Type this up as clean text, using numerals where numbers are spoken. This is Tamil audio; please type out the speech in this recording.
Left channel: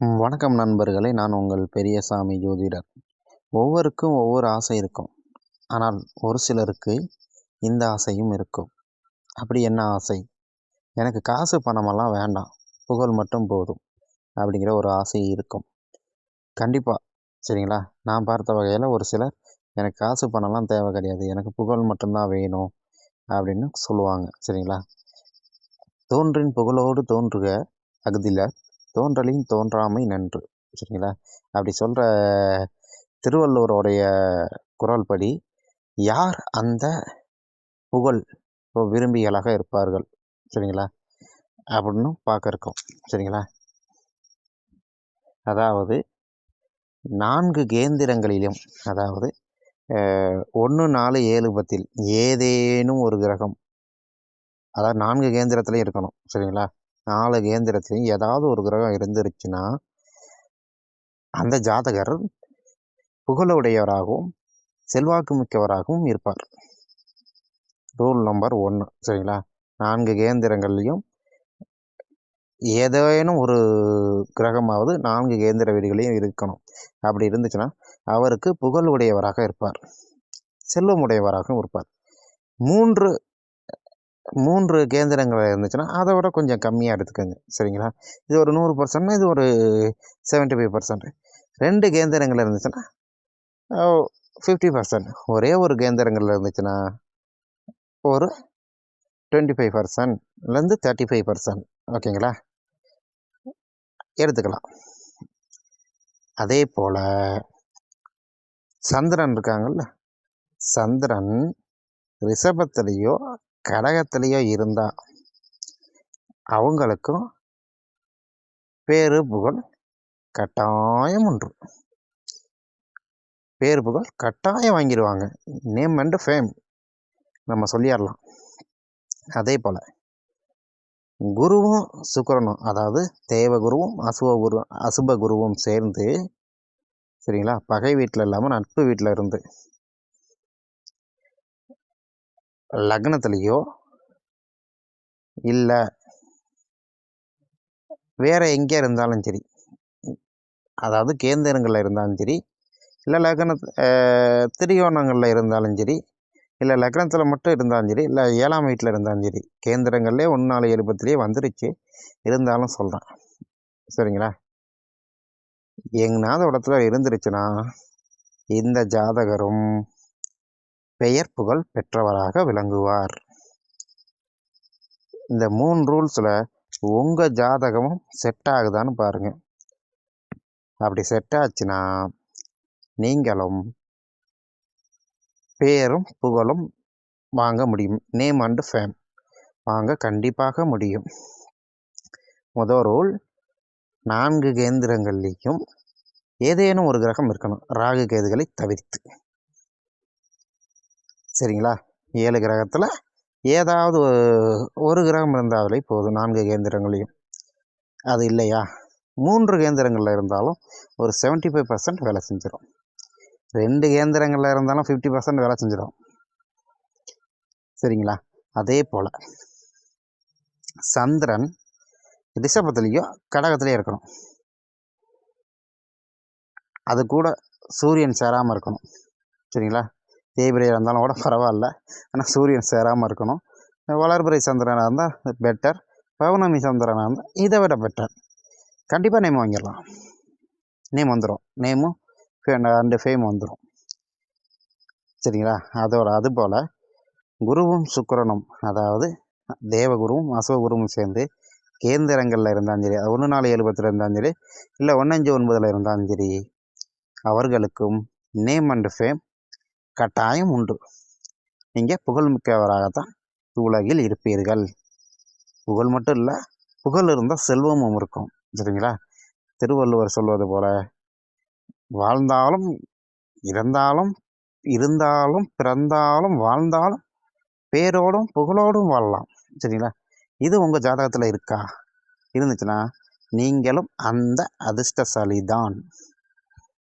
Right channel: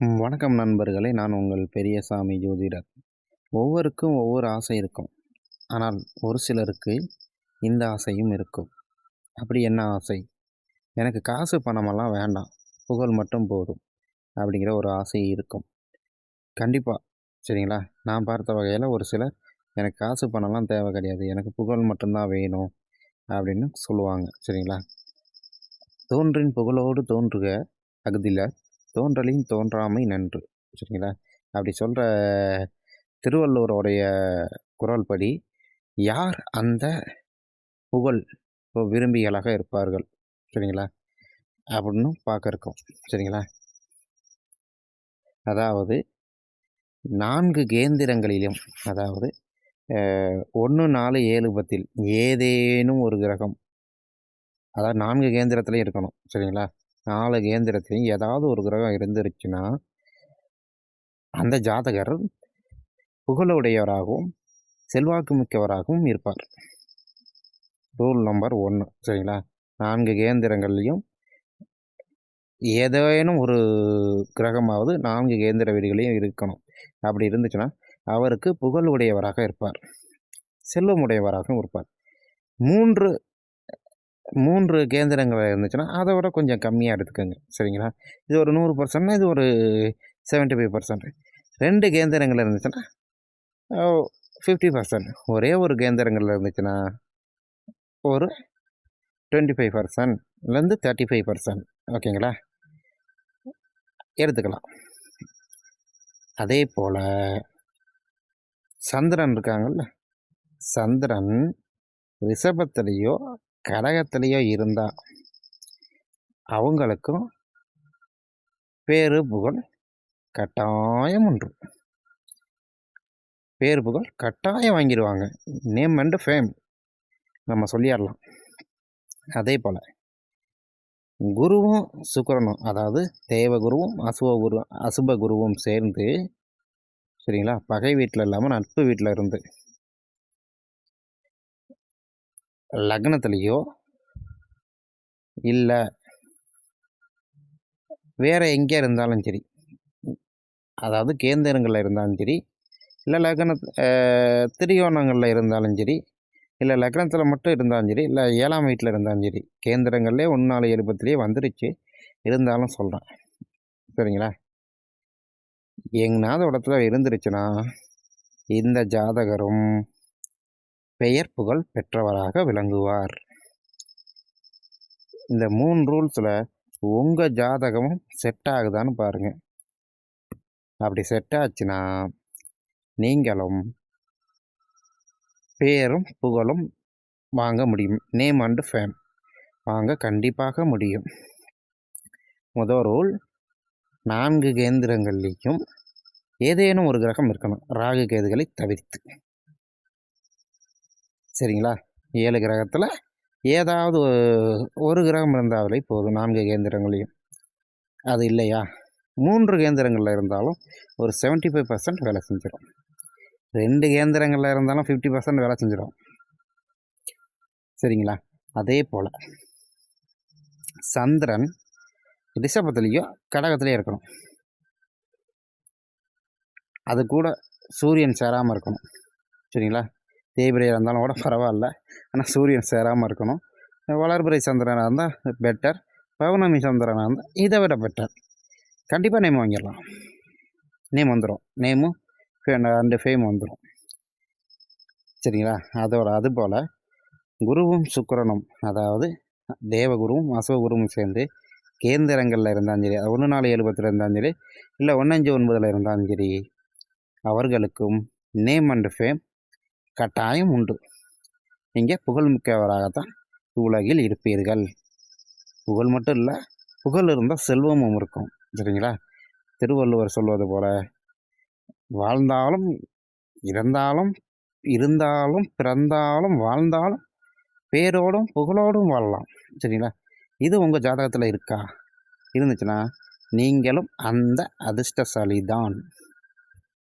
வணக்கம் நண்பர்களே! நான் உங்கள் பெரியசாமி ஜோதிடர். ஒவ்வொருக்கும் ஒவ்வொரு ஆசை இருக்கும். ஆனால் ஒரு சிலருக்கு இந்த ஆசையும் இருக்கும். அப்படி என்ன ஆசை? எனக்கு காசு பணமெல்லாம் வேண்டாம். புகழ் மட்டும் போதும். அப்படிங்கிற ஒரு ஆசை இருக்கும். கண்டிப்பா. சரிங்களா? நான் பார்த்த வகையில ஒரு சிலர் எனக்கு காசு பணம்லாம் தேவை கிடையாது. எனக்கு புகழ் மட்டும் தான் வேணும் அப்படின்னு சொல்லுவாங்க. சரிங்களா? தோன்றின் புகழோடு தோன்றுக அஃதிலார் தோன்றலின் தோன்றாமை நன்று. சரிங்களா? அப்படி சொல்கிற திருவள்ளுவருடைய குறள் படி யார் அந்த புகழ் விரும்பிகளாக இருப்பார்கள். சரிங்களா? அப்படின்னு பார்க்க இருக்கோம். சரிங்களா? அதாவது 4 கேந்திரங்களிலும், அதாவது 1, 4, 7, 10 ஏதேனும் ஒரு கிரகம், அதாவது 4 கேந்திரத்துலையும் இருக்கணும். சரிங்களா? 4 கேந்திரத்துலையும் ஏதாவது ஒரு கிரகம் இருந்துருச்சுன்னா அந்த ஜாதகர் புகழுடையவராகவும் செல்வாக்கு மிக்கவராகவும் இருப்பார். Rule number 1. சரிங்களா? 4 கேந்திரங்கள்லையும் ஏதேனும் ஒரு கிரகமாவது 4 கேந்திர வீடுகளையும் இருக்கணும். அப்படி இருந்துச்சுன்னா அவருக்கு புகழ் உடையவராக இருப்பார், செல்வம் உடையவராகவும் இருப்பார். 3 கேந்திரங்கள் இருந்துச்சுன்னா அதை விட கொஞ்சம் கம்மியாக எடுத்துக்கோங்க. சரிங்களா? இது ஒரு 100%, இது ஒரு 75%. 2 கேந்திரங்கள் இருந்துச்சுன்னா 50%. ஒரே ஒரு கேந்திரங்கள் இருந்துச்சுன்னா ஒரு 25%லேருந்து 35%. ஓகேங்களா? எடுத்துக்கலாம். அதே போல் சந்திரன் இருக்காங்கல்ல, சந்திரன் ரிஷபத்திலேயோ கடகத்திலேயோ இருந்தால் அவங்களுக்கும் பேரு புகழ் கட்டாயம் உண்டு. பேரு புகழ் கட்டாயம் வாங்கிடுவாங்க. நேம் அண்ட் ஃபேம் நம்ம சொல்லிடலாம். அதே போல் குருவும் சுக்கிரனும், அதாவது தேவகுருவும் அசுப குருவும் சேர்ந்து, சரிங்களா, பகை வீட்டில் இல்லாமல் நட்பு வீட்டில் இருந்து லக்னத்துலேயோ இல்லை வேறு எங்கே இருந்தாலும் சரி, அதாவது கேந்திரங்களில் இருந்தாலும் சரி, இல்லை திரிகோணங்களில் இருந்தாலும் சரி, இல்லை லக்னத்தில் மட்டும் இருந்தாலும் சரி, இல்லை 7ஆம் வீட்டில் இருந்தாலும் சரி, கேந்திரங்கள்லேயே 1, 4, 7, 10 வந்துருச்சு இருந்தாலும் சொல்கிறேன். சரிங்களா? எங்கனாவது இடத்துல இருந்துருச்சுன்னா இந்த ஜாதகரும் பெயர் புகழ் பெற்றவராக விளங்குவார். இந்த 3 ரூல்ஸில் உங்கள் ஜாதகமும் செட் ஆகுதான்னு பாருங்கள். அப்படி செட் ஆச்சுன்னா நீங்களும் பேரும் புகழும் வாங்க முடியும். நேம் அண்ட் ஃபேம் வாங்க கண்டிப்பாக முடியும். முதல் ரூல், 4 கேந்திரங்கள்லேயும் ஏதேனும் ஒரு கிரகம் இருக்கணும், ராகு கேதுகளை தவிர்த்து. சரிங்களா? 7 கிரகத்தில் ஏதாவது ஒரு கிரகம் இருந்தாலே போதும் 4 கேந்திரங்களையும். அது இல்லையா 3 கேந்திரங்களில் இருந்தாலும் ஒரு 75% வேலை செஞ்சிடும். 2 கேந்திரங்களில் இருந்தாலும் 50% வேலை செஞ்சிடும். சரிங்களா? அதே போல் சந்திரன் ரிஷபத்துலேயோ கடகத்துலேயோ இருக்கணும். அது கூட சூரியன் சேராமல் இருக்கணும். சரிங்களா? தேய்பிரையாக இருந்தாலும் கூட பரவாயில்ல, ஆனால் சூரியன் சேராமல் இருக்கணும். வளர்பிறை சந்திரனாக இருந்தால் பெட்டர், பௌர்ணமி சந்திரனாக இருந்தால் இதை விட பெட்டர். கண்டிப்பாக நேம் வாங்கிடலாம். நேம் வந்துடும், நேமும் அண்டு ஃபேம் வந்துடும். சரிங்களா? அதுபோல் குருவும் சுக்கிரனும், அதாவது தேவகுருவும் அசுவகுருவும் சேர்ந்து கேந்திரங்களில் இருந்தாலும் சரி, 1, 4, 7, 10 இருந்தாலும் சரி, இல்லை 1, 5, 9 இருந்தாலும் சரி, அவர்களுக்கும் நேம் அண்ட் ஃபேம் கட்டாயம் உண்டு. நீங்கள் புகழ்மிக்கவராகத்தான் உலகில் இருப்பீர்கள். புகழ் மட்டும் இல்லை, புகழ் இருந்தால் செல்வமும் இருக்கும். சரிங்களா? திருவள்ளுவர் சொல்வது போல, வாழ்ந்தாலும் இறந்தாலும் இருந்தாலும் பிறந்தாலும் வாழ்ந்தாலும் பேரோடும் புகழோடும் வாழலாம். சரிங்களா? இது உங்கள் ஜாதகத்தில் இருக்கா? இருந்துச்சுன்னா நீங்களும் அந்த அதிர்ஷ்டசாலி தான்.